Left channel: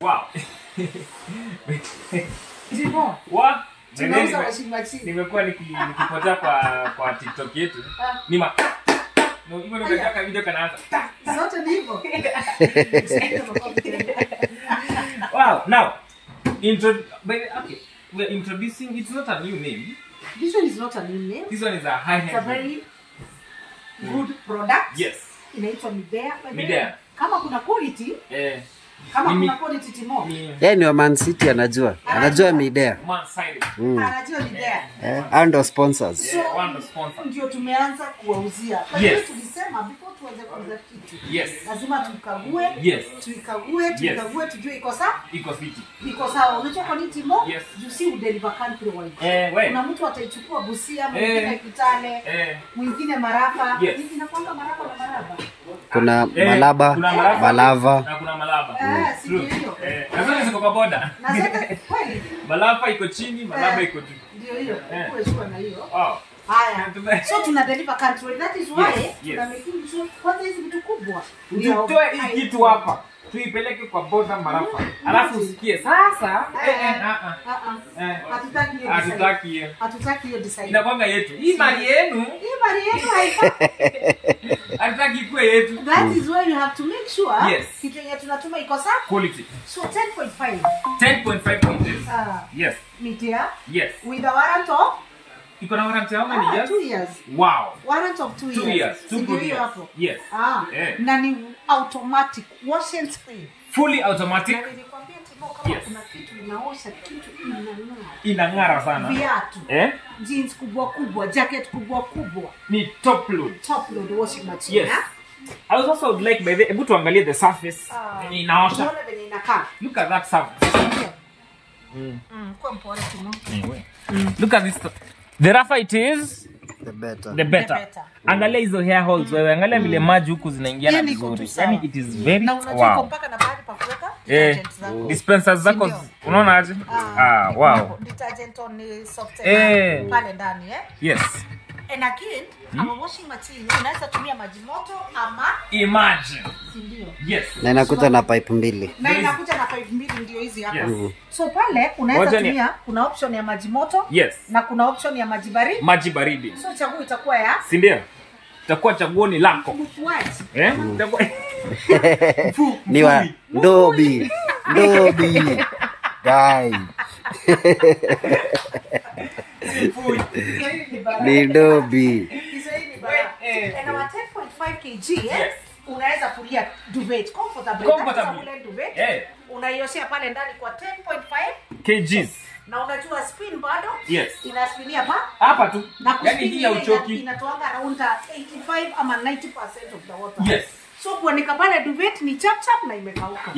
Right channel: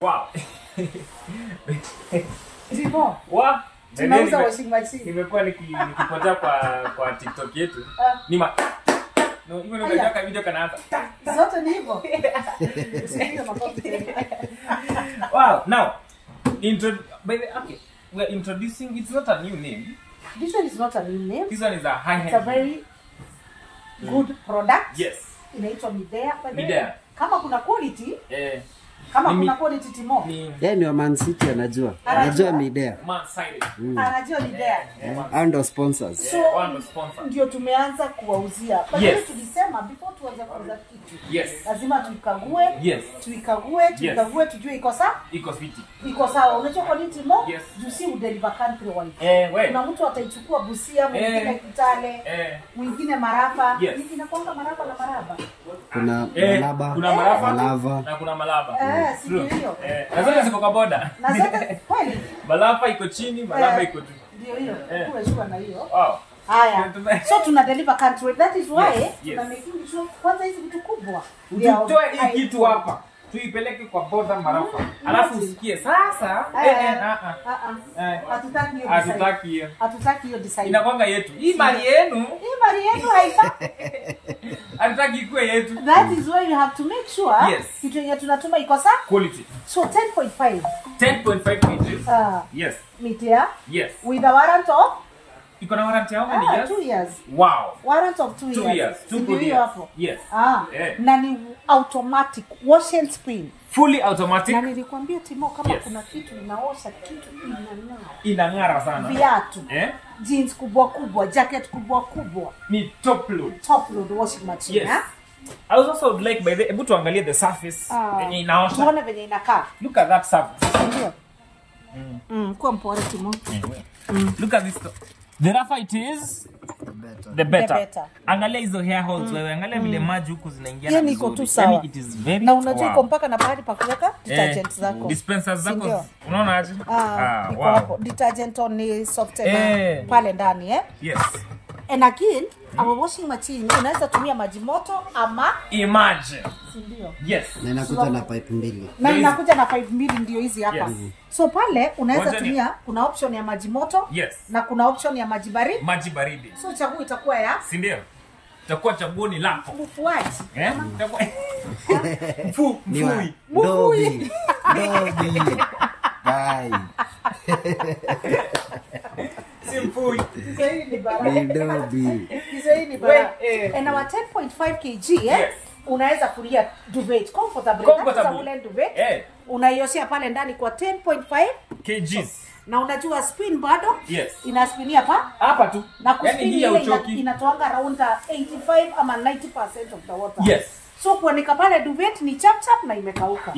Wow. Timo. Wa? Tunauza washing machine. Nimekuwa nikipotea kwa TikTok yetu. Nima. No, hivyo ndio nataka video kanaanza. Zote ni hivyo. Wow. Now, okay. We're introducing, it's not a new name. This one is not a new name. This one is a high-end. It's a very good product. Yes. Inaitwa Midea. Midea. Kama kuna quality, kama kuna quality Timo. Yeye ni wa Man City anajua. Anajua Midea. Man City. Anajua Midea. And sponsors. So, ndio tumeanza kuwauzia. Yes. Tulisema before tuanze kuuza kitu. Yes. Lazima tuikague. Yes. Tuikague tujue iko sawa. Iko fiti. Iko sawa. Unajua kwa nini Timo? Yes. You see deliver country wide. Wewe. Kuna mtu ataichukua Busia, mwingine Kitale, mwingine Maraba. Yes. Hivi inakuanga Maraba na Maraba. Kuna Malaba, Malava. Na kuna Malaba. Si hiyo. Na zote ziko kwa boda. Na zote kweli. Malaba iko chini, Malaba iko juu. Ndio hiyo. Umechukua na hiyo. Wow. Haya. So tuna deliver country. That is why yes. Kwanza hizi vitu kubwa. Tutoe hii kitu hapa. Tuipeleke kwa boda Marafa. Alafu usikie sasa hatutaki hiyo. Hatutaki hiyo design. Inakwanga yetu. Hii mali yenu. Hatutaki ikuwe yetu. That is why you have to make sure kitu yenye tunatuma iko sawa. Quality. So 10.5. 10.5 kgs. Yes. Midea. Yes. With a warrant of iko na warranty how many years? 2 years. Wow. Warrant of 2 years. 2 years. 2 good years. Yes. Na ni automatic wash and spin. Fully automatic. Na nilikwambia Timo kama kuna kitu inaosha kitu inang'ara sana. Viatu. Jeans kubwa kubwa, jacket kubwa kubwa. Ni top load. Top load washing machine. Yes. I was also would like by the able to angalia the surface. Inaosha. Unaona vile inakaa. Look at that surface. Kwa mpore Timo. Look at this. The rougher it is, the better. Angalia hizo hair holes wewe, angalia vile maji huku zinaingia na vizuri. Yani it is very na unajua iko mpaka na pahali pa kuweka detergent zako. Dispensers zako. Unaona aje? Wow. Detergent on soft pale ndani Yes. And again, our washing machine inaweza tumia maji moto ama imagine. Ndio. Yes. Na inakuja na pipe mbili. Na inakuja na pipe mbili ndio hizi hapa. So pale unaweza tumia kuna option ya maji moto na kuna option ya maji baridi. Maji baridi. So chaguo itakuwa ya si ndio? Itakuwa chaguo ni lako. Mfuaji. Ni wa Dobi. Dai. Ni Dobi. And our 10.5 kg unaweza kulia duvet comfortable. Duvet. Unaioshia pale ndani kwa 10.5 kgs. Na unajua spin bado? Inaspinia hapa tu. Yani hii ya uchoki inatoa around 85 ama 90% of the water. So kuanika pale duvet ni chap na imekauka.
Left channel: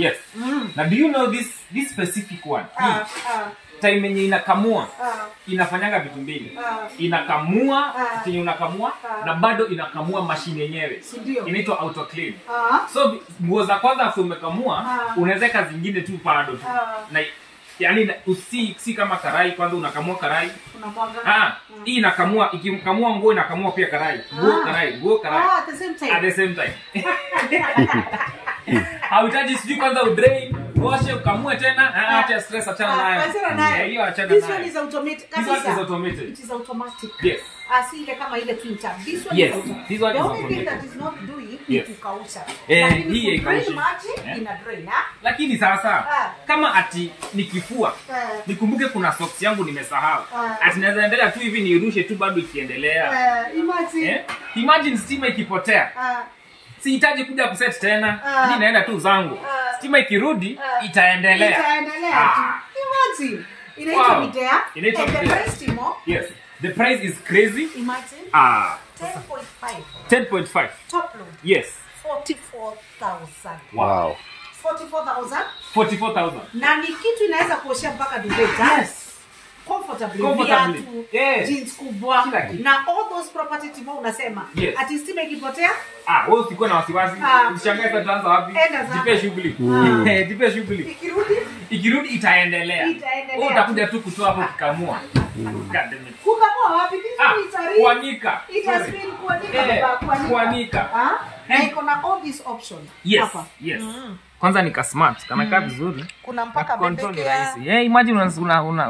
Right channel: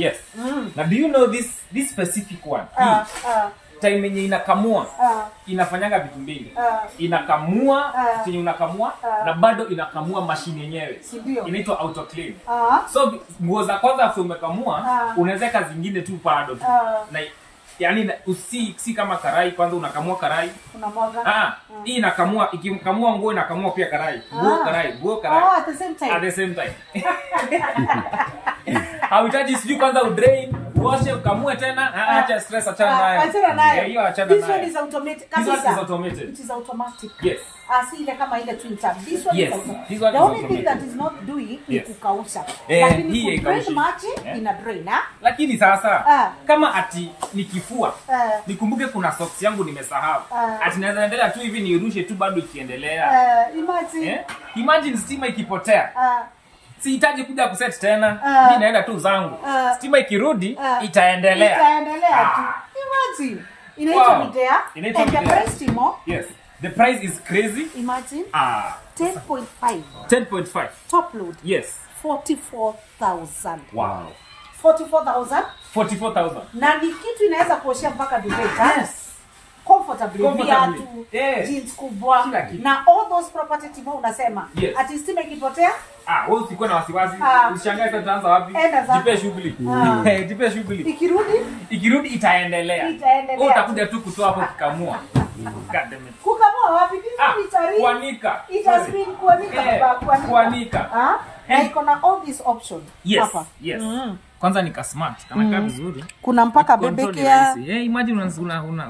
Now do you know this specific one? Time yenye inakamua inafanyanga vitu mbili. Inakamua yenye unakamua na bado inakamua mashine yenyewe. Inaitwa auto clean. So nguo za kwanza after umekamua unaweza zingine tu bado tu. Na yani si kama karai kwanza unakamua karai. Unamwaga. Hii inakamua ikikamua nguo inakamua pia karai. Nguo karai. At the same time. Hauhitaji sijui kwanza udrain, washe ukamue tena, acha stress achana nayo. Hiyo achana nayo. This one is automatic. This one is automated. It is automatic. Yes. Asile kama ile twin tap. This one is automatic. This one is automatic. The only thing that is not doing is kukausha. Hii haikaushi. Ina drain, lakini sasa kama ati nikifua, nikumbuke kuna socks yangu nimesahau. Ati naweza endelea tu hivi nirushe tu bado ikiendelea. Imagine stima ikipotea. Sihitaji kuja kuset tena. Mimi naenda tu zangu. Stima ikirudi itaendelea. Imagine. Inaitwa Midea. And the price Timo. Yes. The price is crazy. Imagine. 10.5. 10.5. Top load. Yes. 44,000. Wow. 44,000. 44,000. Na ni kitu inaweza kuoshia mpaka duvet. Comfortably. Jeans kubwa. Na all those property Timo unasema. Ati stima ikipotea? Wewe usikuwa na wasiwasi. Usishangae sasa tutaanza wapi? Jipe shughuli. Jipe shughuli. Ikirudi itaendelea. Wewe utakuja tu kutoa hapo kikamua. Kukamua wapi? Kuanika. Kuanika. Kuanika. Na iko na all these options. Yes. Kwanza nika smart, kama vizuri. Kuna mpaka bebekea. Imagine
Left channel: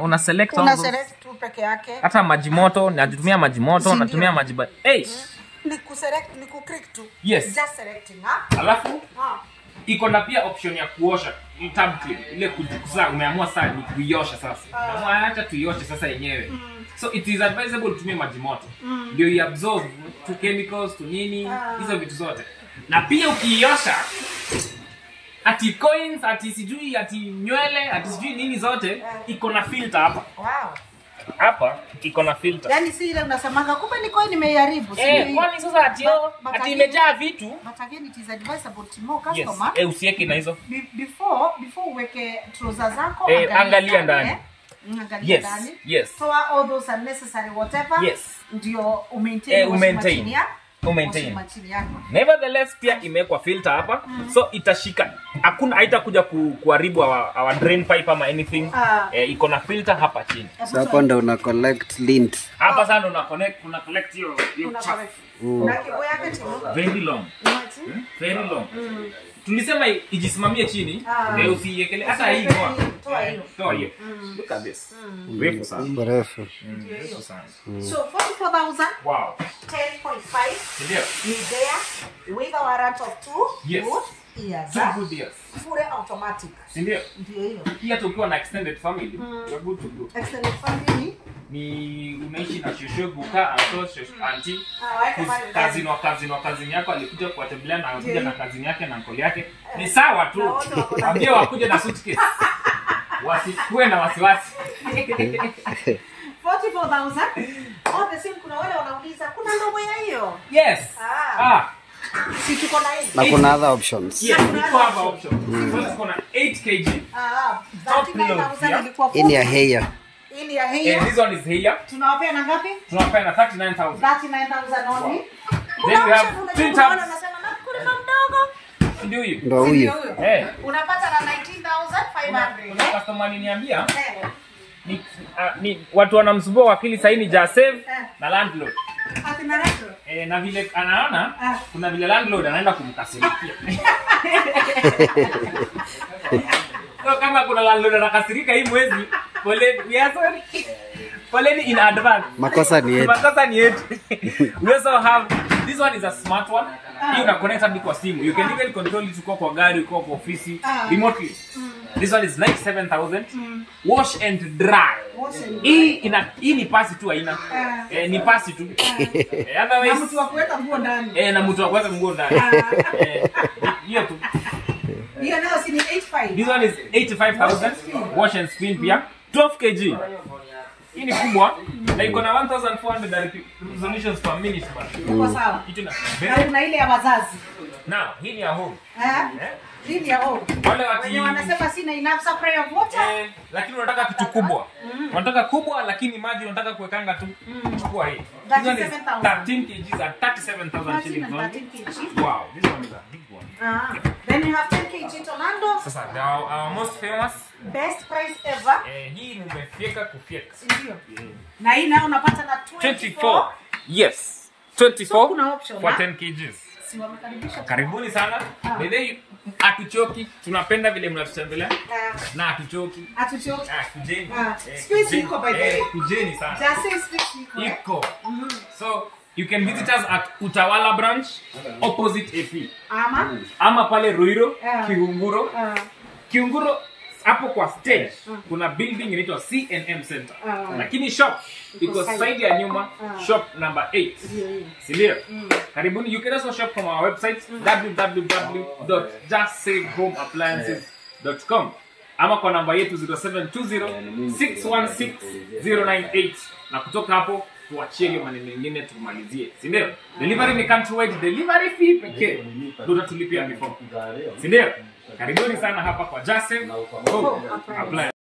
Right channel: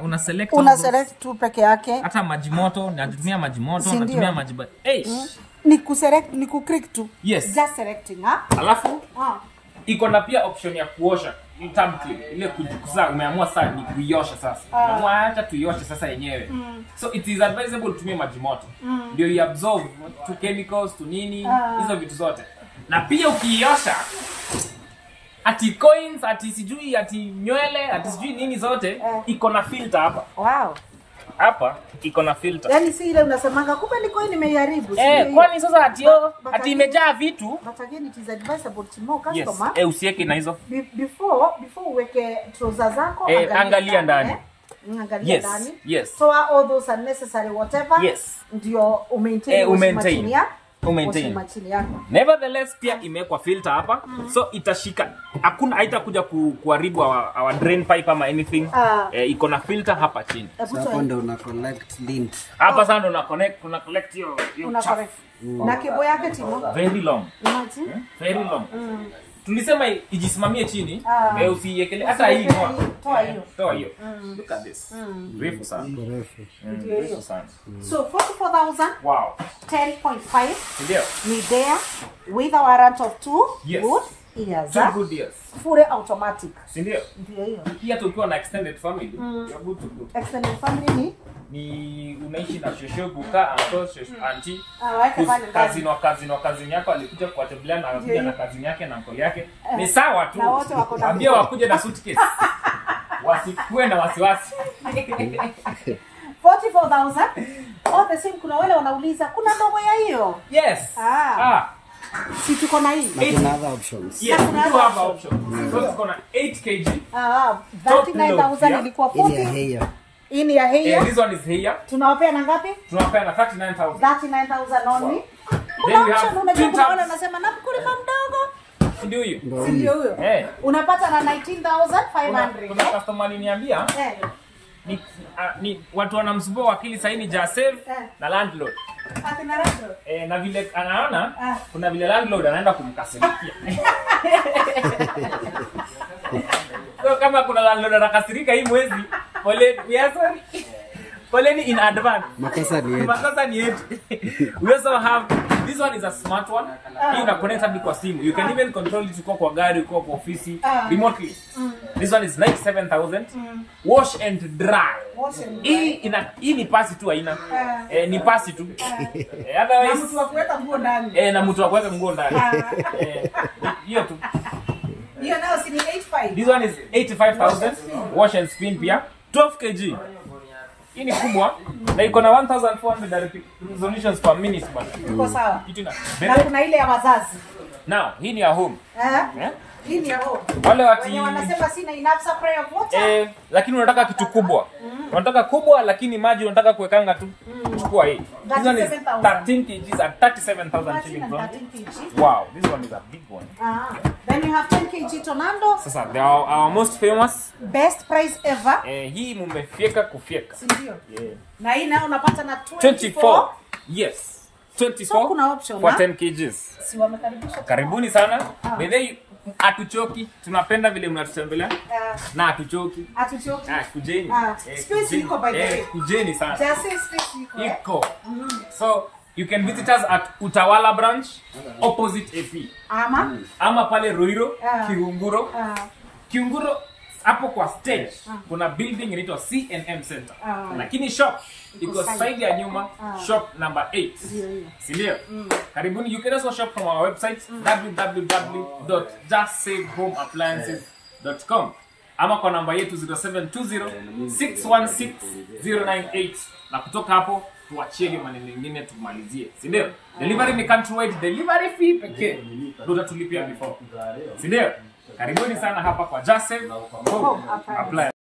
una select tu peke yake. Hata maji moto, natumia maji moto, natumia maji ni click tu. Yes. Just selecting, ha? Alafu iko na pia option ya kuosha, tab clean. Ile kujukuza umeamua sasa ni kuiosha sasa. Umeamua acha tuioshe sasa yenyewe. So it is advisable kutumia maji moto. Ndio iabsorb to chemicals to nini, hizo vitu zote. Na pia ukiiosha ati coins, ati sijui, ati nywele, ati sijui nini zote, iko na filter hapa. Wow. Hapa iko na filter. Yaani si ile unasemanga kumbe ni coin imeharibu. Kwani sasa ati imejaa vitu. But again it is advisable to more customer. Yes. Usiweke na hizo. Before uweke trousers zako angalia ndani. Angalia ndani. Yes. So all those unnecessary whatever. Yes. Ndio maintain. Nevertheless pia imewekwa filter hapa. So itashika. Hakuna haitakuja kuharibu our drain pipe ama anything. Iko na filter hapa chini. Hapo ndo una collect lint. Hapa sasa ndo una collect hiyo chafu. Na kebo yake tino. Very long. Very long. Tulisema ijisimamie chini, usiiekele hata hii kwa. Toa hiyo. Look at this. Refu sana. Refu. Refu sana. So 44,000. Wow. 10.5. Ndio. Midea with a warrant of 2 good years. 2 good years. Fully automatic. Ndio. Ndio hiyo. Pia tukiwa na extended family, you are good to go. Extended family ni unaishi na shosho buka auntie kazini yako alikuja kuwatembelea na anakuja na kazini yake na uncle yake. Ni sawa tu. Ambia wakuje na suitcase. Wasikue na wasiwasi. 44,000. Obviously kuna wale wanauliza kuna ndogo ya hiyo. Yes. Si tuko na hii. Na kuna other options. Yes, we do have options. So tuko na 8 kg. 39,000 ilikuwa in your hair. In your hair. This one is hair. Tunawapea na ngapi? Tunawapea na 39,000. 39,000 only. Wow. Then we have 2 tabs. Nasema na mkulima mdogo. Ndio hiyo. Ndio huyo. Unapata na 19,500. Kuna customer aliniambia ni watu wanamsumbua wakili sasa ni Jasave na landlord. Na vile anaona kuna vile landlord anaenda kumkasirikia. So kama kuna landlord anakasirika hii mwezi, sorry. Poleni in advance. Makosa ni yetu. We also have this one is a smart one. You can connect it kwa simu. You can even control it kwa gari, kwa ofisi remotely. This one is 97,000. Wash and dry. Hii ni pasi tu haina. Ni pasi tu. Otherwise mtu wa kuweka nguo ndani. Na mtu wa kuweka nguo ndani. Hiyo tu. Hiyo nao si ni 85. This one is 85,000. Wash and spin pia 12 kg. Hii ni kubwa na iko na 1400 resolutions per minute man. Iko sawa. Na kuna ile ya wazazi. Now, hii ni ya home. Hii ni ya home. Wale wanasema sina enough supply of water. Lakini unataka kitu kubwa. Unataka kubwa lakini maji unataka kuwekanga tu. Chukua hii. This one is 13 kg at 37,000 shillings. Wow, this one is a big one. Then you have 10 kg Tornado. Sasa, they are our most famous. Best price ever. Hii mumefyeka kufyeka. Sindio? Na hii nayo unapata na 24. Yes. 24 so for 10 kg. Si wamekaribisha. Karibuni sana. Ndio atuchoki. Tunapenda vile mnatutembelea. Na atuchoki. Kujeni. Space iko by the way. Kujeni sana. Just say space iko. So you can visit us at Utawala branch opposite AP. Ama pale Ruiru, Kihunguro. Kihunguro hapo kwa stage kuna building inaitwa C&M Center. Lakini shop iko side ya nyuma, shop number 8. Sindio? Karibuni. You can also shop from our website www.justsavehomeappliances.com ama kwa namba yetu 0720616098 na kutoka hapo tuachie hiyo maneno mengine tumalizie. Sindio? Delivery ni countrywide delivery fee pekee. Ndio tutulipia before. Sindio? Karibuni sana hapa kwa Just Save Home Appliances.